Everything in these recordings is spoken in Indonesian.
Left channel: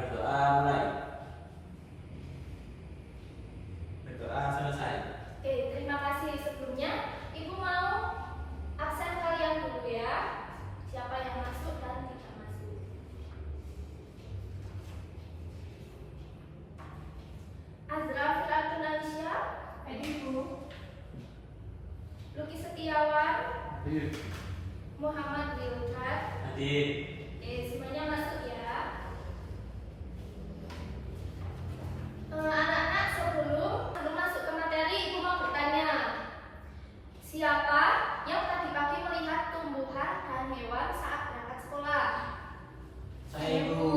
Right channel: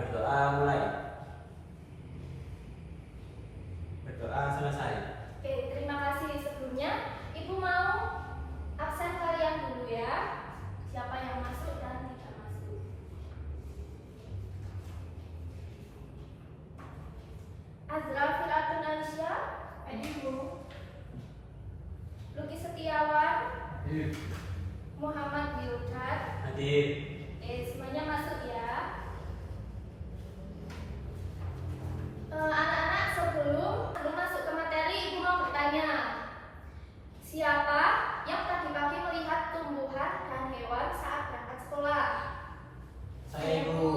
berdoa mulai. Berdoa selesai. Oke, terima kasih. Sebelumnya Ibu mau absen kalian dulu ya. Siapa yang masuk dan tidak masuk. Azra Firatun Aisyah, Hadir Bu. Luki Setiawan, Hadir. Muhammad Wildan. Hadir. Oke, semuanya masuk ya. Anak-anak, sebelum masuk ke materi, Ibu mau bertanya. Siapa yang tadi pagi melihat tumbuhan dan hewan saat berangkat sekolah? Saya Ibu.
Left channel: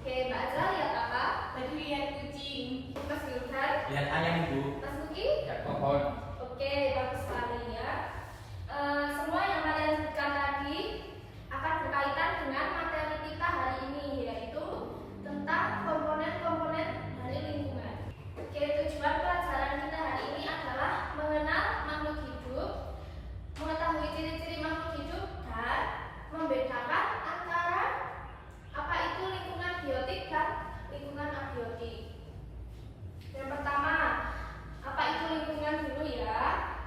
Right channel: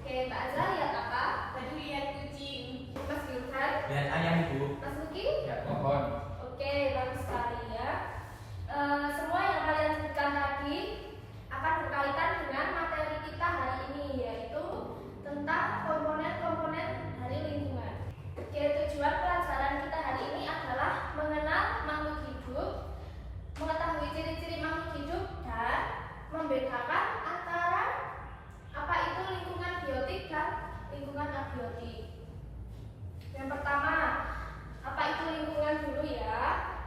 Oke, Mbak Azra lihat apa? Tadi lihat kucing. Mas Wildan, Lihat ayam Ibu. Mas Luki? Ya pohon. Oke, bagus sekali ya. Semua yang kalian sebutkan tadi akan berkaitan dengan materi kita hari ini, yaitu tentang komponen-komponen dari lingkungan. Oke, tujuan pelajaran kita hari ini adalah mengenal makhluk hidup, mengetahui ciri-ciri makhluk hidup, dan membedakan antara apa itu lingkungan biotik dan lingkungan abiotik. Yang pertama, apa itu lingkungan dulu ya?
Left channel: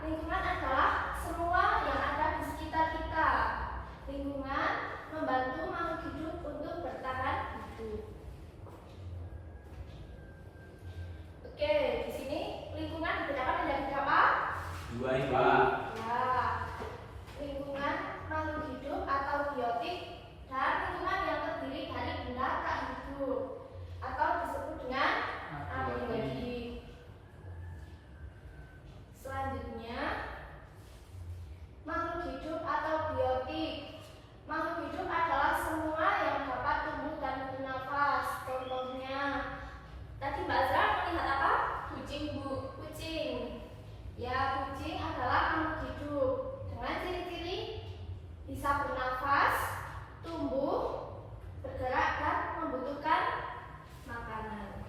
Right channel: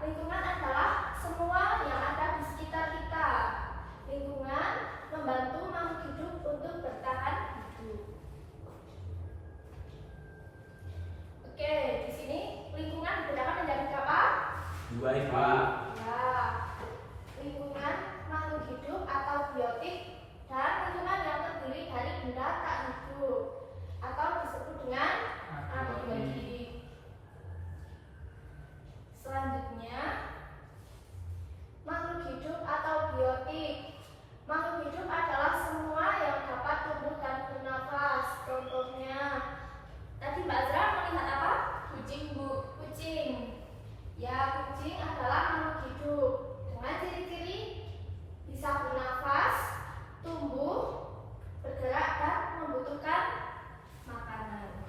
Lingkungan adalah semua yang ada di sekitar kita. Lingkungan membantu makhluk hidup untuk bertahan hidup. Oke, di sini lingkungan dibedakan menjadi berapa? Dua Ibu. Ya, lingkungan makhluk hidup atau biotik dan lingkungan yang terdiri dari benda tak hidup atau disebut dengan abiotik. Selanjutnya, makhluk hidup atau biotik. Makhluk hidup adalah semua yang dapat tumbuh dan bernafas. Contohnya, tadi Mbak Zara melihat apa? Kucing Bu, kucing. Ya, kucing adalah makhluk hidup dengan ciri-ciri bisa bernafas, tumbuh, bergerak dan membutuhkan makanan.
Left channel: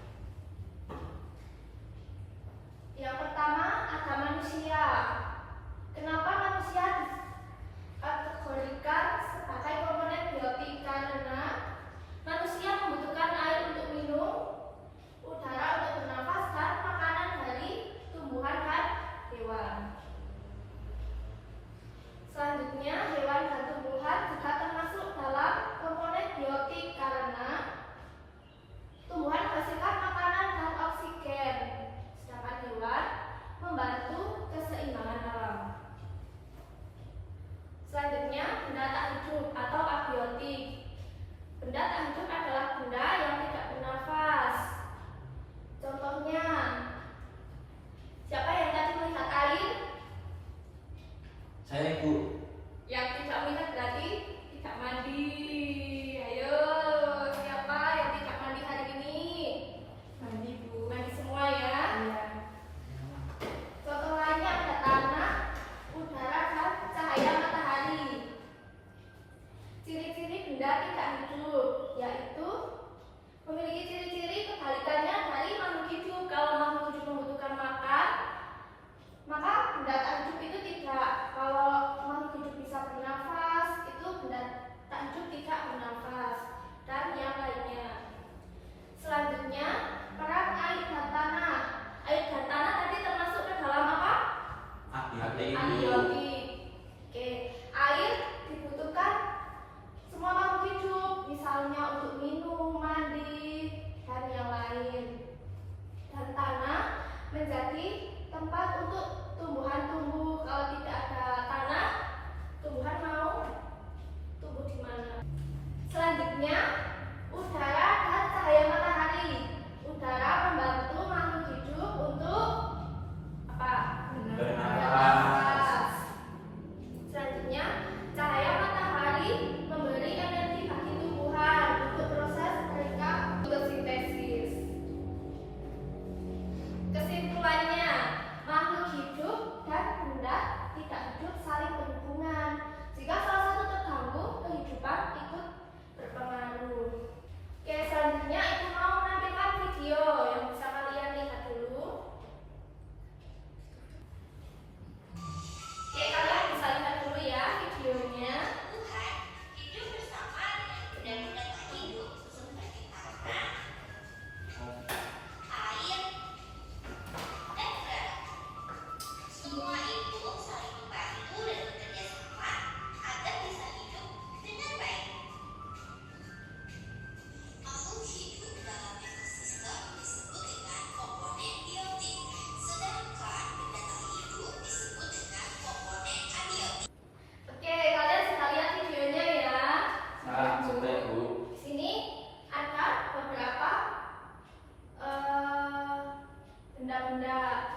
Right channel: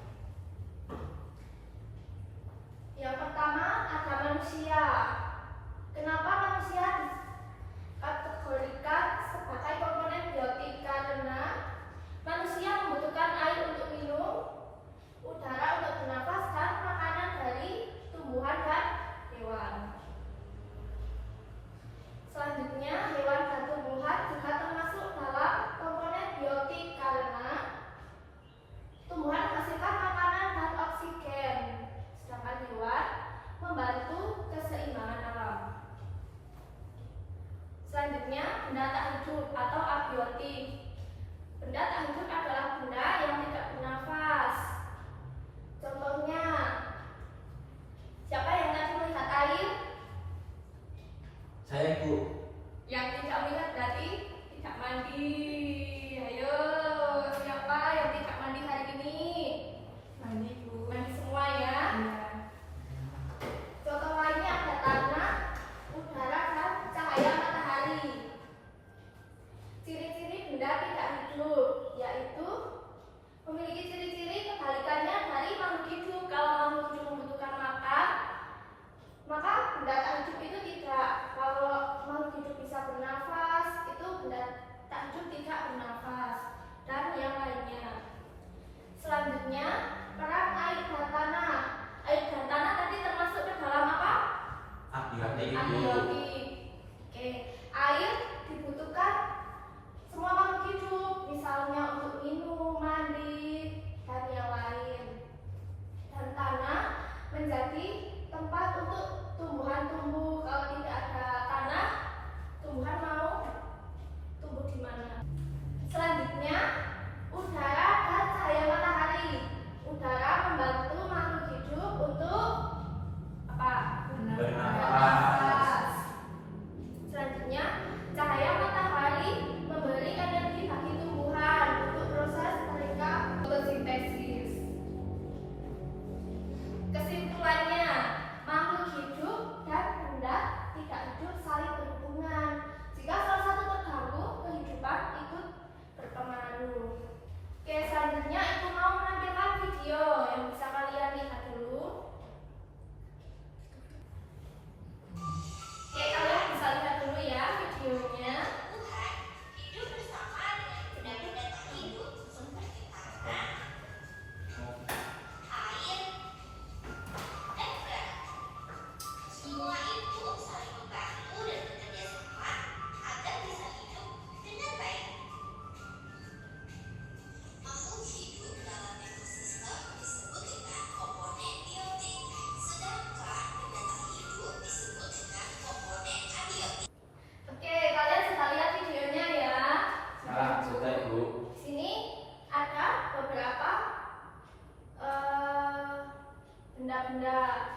ganda.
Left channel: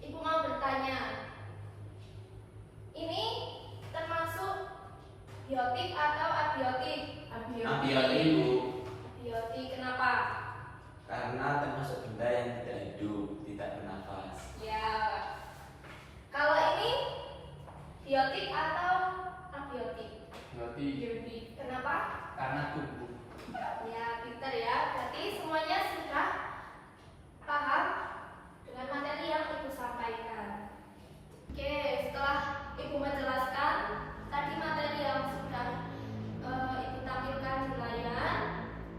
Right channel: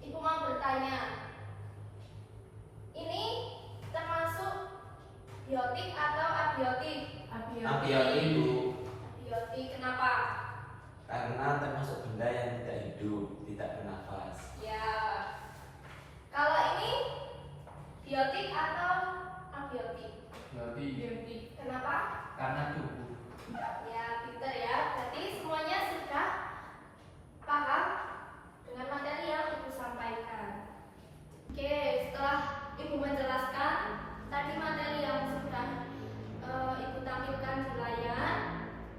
Ibu mau bertanya, ini termasuk biotik atau abiotik? Abiotik, Bu. Abiotik, kenapa? Karena termasuk benda yang tidak hidup, tidak bernafas. Ya. Kalau ini biotik atau abiotik? Biotik. Kenapa? Karena tubuh. Ya, pinter ya. Berarti semuanya sudah paham dengan materi yang Ibu sampaikan. Oke, setelah Ibu menjelaskan tadi materi yang sudah Ibu tampilkan di layar,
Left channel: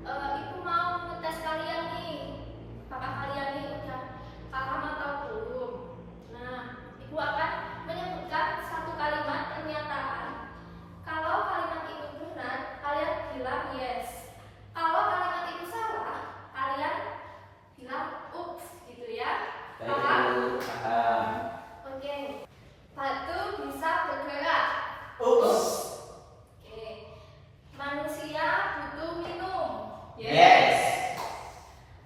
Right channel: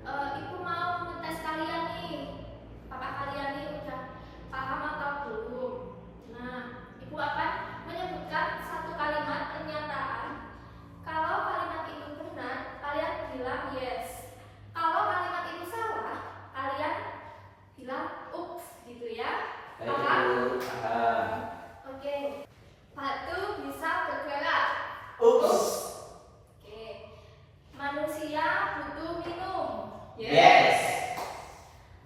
Ibu mau ngetes kalian nih. Apakah kalian nih udah paham atau belum? Nah, Ibu akan menyebutkan satu kalimat pernyataan. Kalau kalimat itu benar, kalian bilang yes. Kalau kalimat itu salah, kalian bilang ups, gitu ya. Paham? Baik, Bu. Paham. Oke. Batu bisa bergerak. Ups. Oke. Manusia butuh minum. Yes.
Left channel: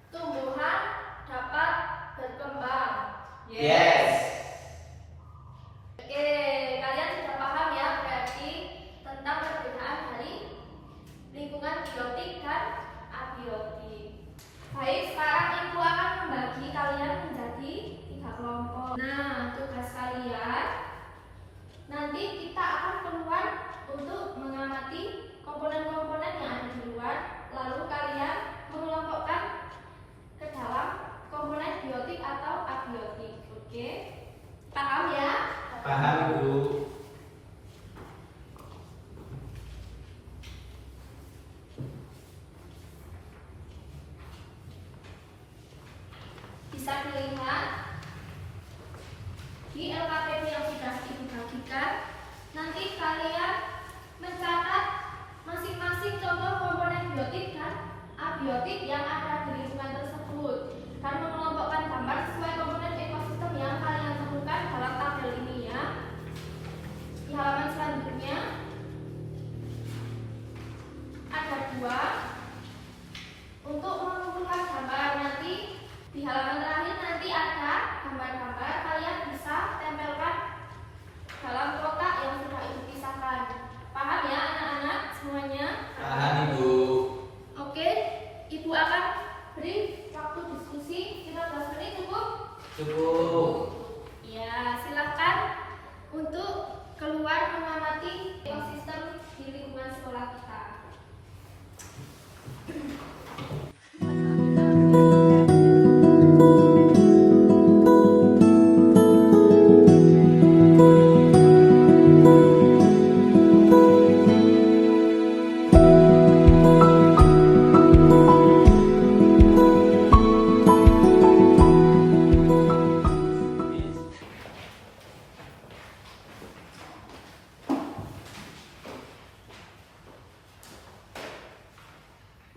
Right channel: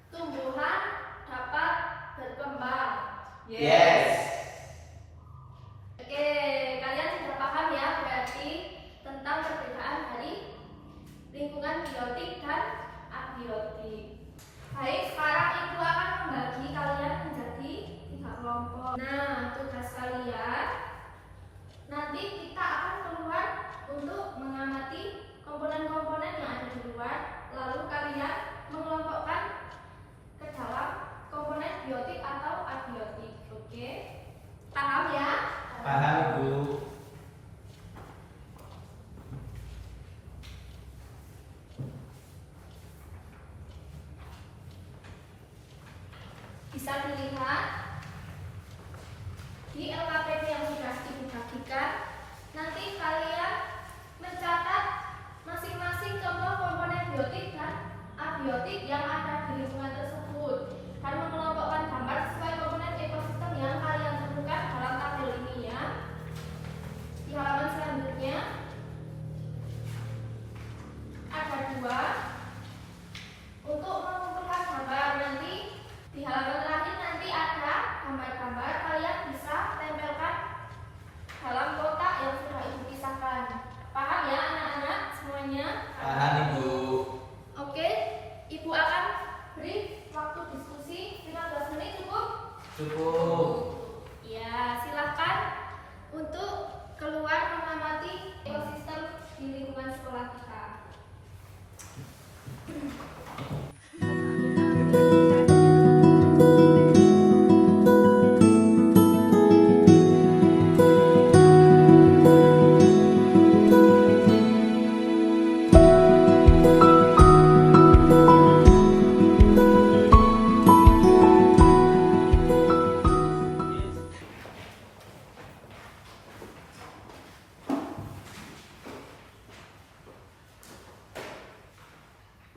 Tumbuhan dapat berkembang. Yes. Oke, kalian sudah paham ya berarti tentang perbedaan dari lingkungan biotik dan abiotik. Baik, sekarang Ibu akan membagi kalian menjadi 3 kelompok. Nah, tugas kalian nanti kita akan keluar untuk mengamati komponen-komponen yang ada di luar, lalu kalian mengelompokkan ke dalam komponen biotik atau abiotik. Oke? Paham ya? Paham, Bu. Bisa dilihat di LKPP yang sudah dibagikan. Nanti kalian mencatat masing-masing contoh komponen biotik dan abiotik yang ada di lingkungan tersebut dan mengelompokkan gambar sesuai komponen ekosistem yang kalian temukan dalam tabel ini ya. Di halaman selanjutnya ada 2 untuk mengumpulkan gambar. Nanti di halaman terakhir nanti ada gambar-gambar, kalian bisa tempelkan dalam kotak yang sudah Ibu pisahkan. Paham ya anak-anak semuanya? Paham, Ibu. Oke, Ibu akan beri waktu diskusi 15 menit cukup? Cukup. Ya, silahkan untuk keluar mengamati ekosistem di lingkungan sekolah kita.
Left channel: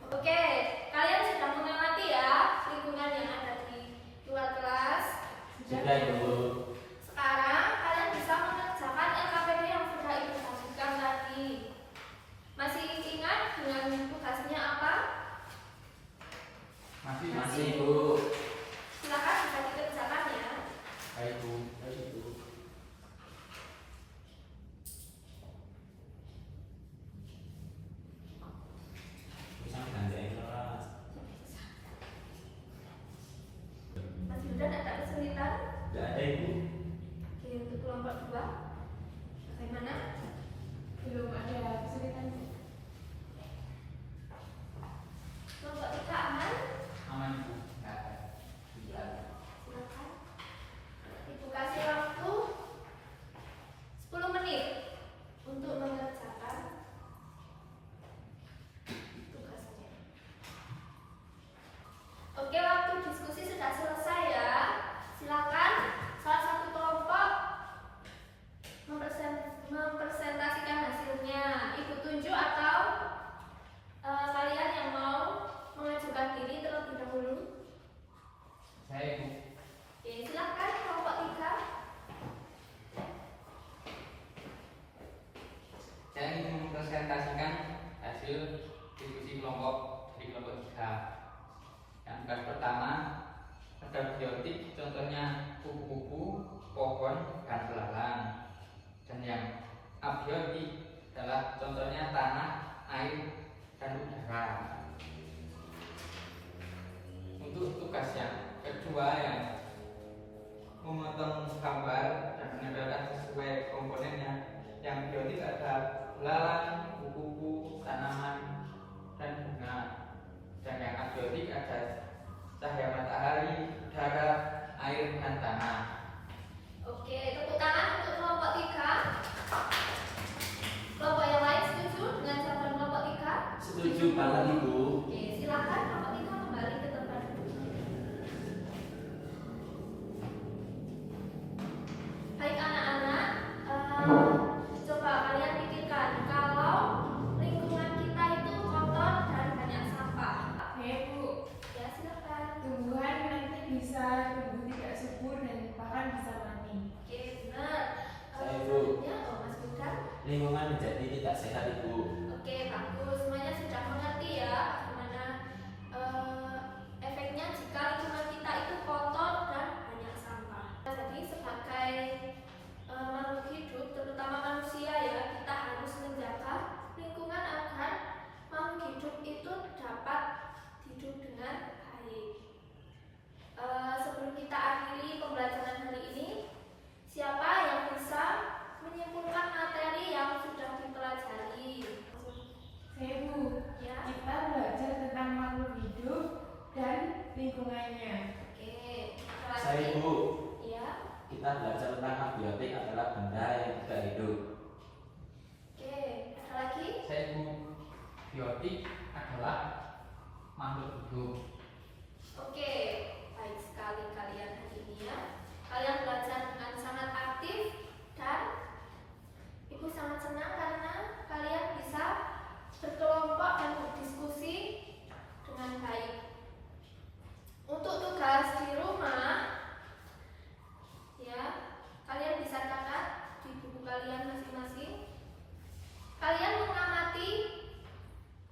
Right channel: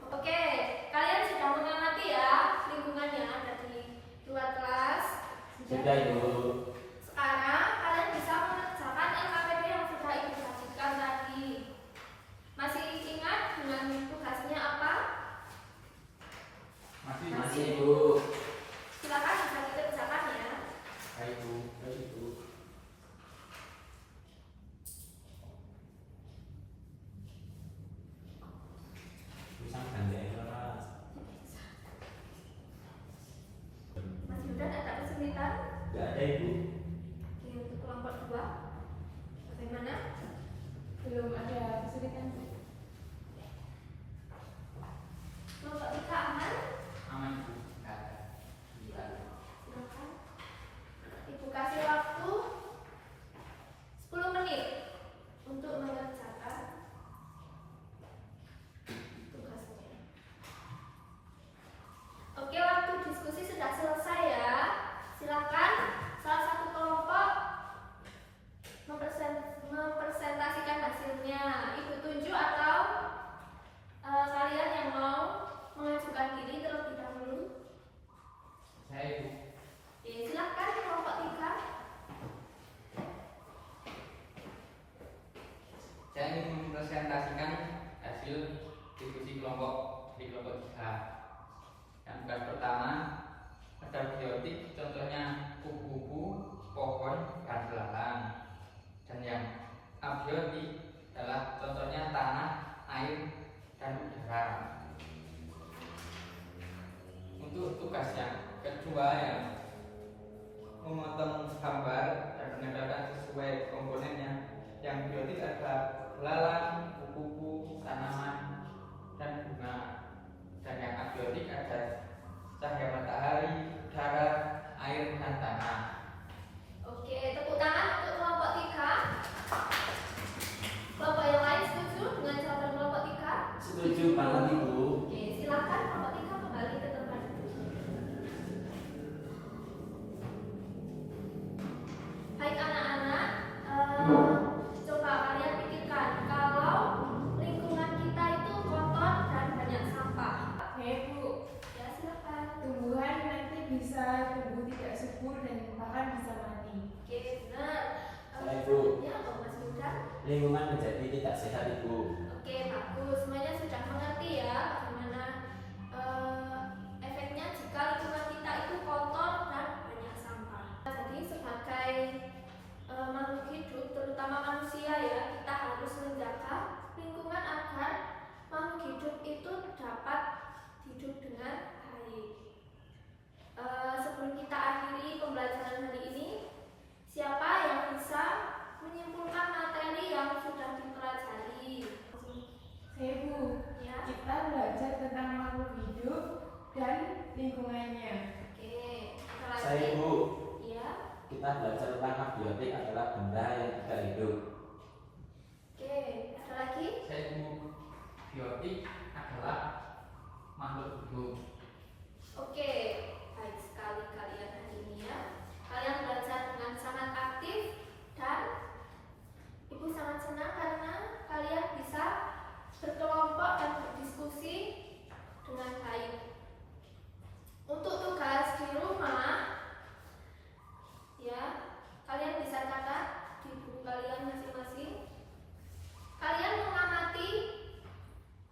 Oke, kalian sudah mengamati ya lingkungan yang ada di luar kelas? Sudah, Ibu. Sekarang kalian bisa mengerjakan LKPP yang sudah Ibu bagikan tadi. Masih ingat dengan tugasnya apa? Masih, Ibu. Silakan bisa dikerjakan ya. Baik, Bu. Baik, Bu. Bisa ganjain Mas. Mas Yuda ada kesulitan? Tidak ada, Ibu. Oke, untuk kelompok 2 bagaimana? Belum ada kesulitan. Kelompok 3 aman? Aman, Ibu. Tidak ada. Silakan. Ibu kasih waktu 10 menit untuk mengerjakan tugasnya. Oke, waktu diskusi sudah selesai ya. Silakan salah satu kelompok mempresentasikan hasilnya. Ibu tunjuk atau kalian yang mau mengajukan diri terlebih dahulu? Saya, Ibu. Oke, silakan kelompok 3. Saya ingin mempresentasikan hasil diskusi kelompok di kelompok 3. Yang tugas pertama Ada biotik, contohnya kupu-kupu, pohon, dan belalang. Dan yang abiotik adalah contohnya tanah, air, dan udara. Untuk tugas yang kedua yang memotong gambar dan menempelkan sesuai komponennya. Yang biotik adalah belalang, kupu-kupu, tanaman, dan bunga. Dan yang abiotik ada cahaya matahari, udara, air, dan tanah. Oke, tepuk tangan untuk kelompok 3. Kelompok yang lain setuju dengan jawaban kelompok 3? Setuju banget Ibu. Oke, silakan kelompok 3 kembali ke tempat. Baik anak-anak, coba kalian pikirkan kalau lingkungan kita itu kotor dan banyak sampah. Bu, Ya silakan. tumbuhan nanti bisa tumbuh tidak subur dan bahkan bisa mati. Oke, benar. Saya, Bu. Selanjutnya, Mas Budan. Lingkungan menjadi tidak sehat Ibu. Oke, bagus. Semuanya sudah mengerti ya bagaimana efeknya jika lingkungan kita itu kotor dan banyak sampah. Jadi sebagai makhluk hidup, terutama manusia ya, kita harus menjaga lingkungan agar makhluk hidup itu dapat hidup dengan baik. Sebelum kita akhiri pembelajaran hari ini, siapa yang bisa menyimpulkan materi yang sudah dipelajari? Bu, Ya. kita belajar tentang makhluk hidup dan lingkungannya. Oke, ada lagi? Saya Ibu, Ya. kita belajar tentang abiotik adalah benda yang tidak hidup. Oke, ada lagi? Saya Bu, biotik adalah makhluk hidup. Oke, baik sekali kalian hari ini ya. Kalian belajar dengan sangat aktif dan Ibu sangat senang karena kalian bisa berkelompok dan berdiskusi dengan baik. Untuk tugas di rumah, ya, kalian bisa catat di buku kalian masing-masing. Kalian mengamati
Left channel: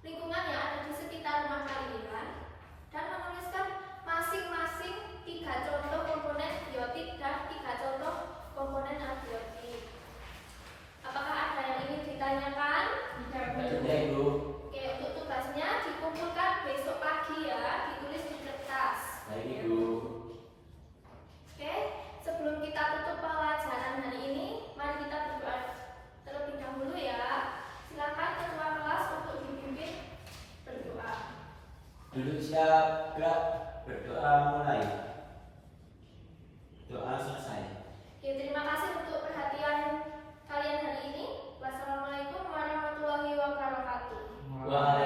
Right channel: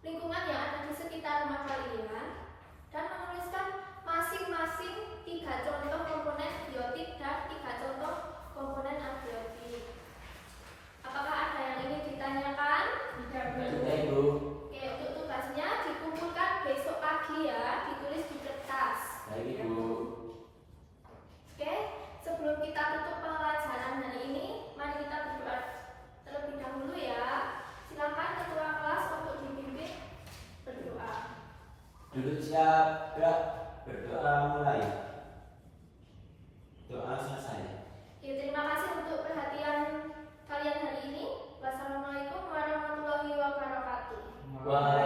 lingkungan yang ada di sekitar rumah kalian dan menuliskan masing-masing 3 contoh komponen biotik dan 3 contoh komponen abiotik. Apakah ada yang ingin ditanyakan? Tidak, Bu. Tidak Ibu. Oke, untuk tugasnya dikumpulkan besok pagi ya, ditulis di kertas. Baik Ibu. Oke, sebelum kita tutup pelajaran hari ini, mari kita berdoa terlebih dahulu ya. Silakan ketua kelas untuk dipimpin berdoa. Duduk siap, gerak, berdoa mulai. Doa selesai. Oke, terima kasih untuk perhatian kalian hari ini. Wassalamualaikum warahmatullahi wabarakatuh. Waalaikumsalam.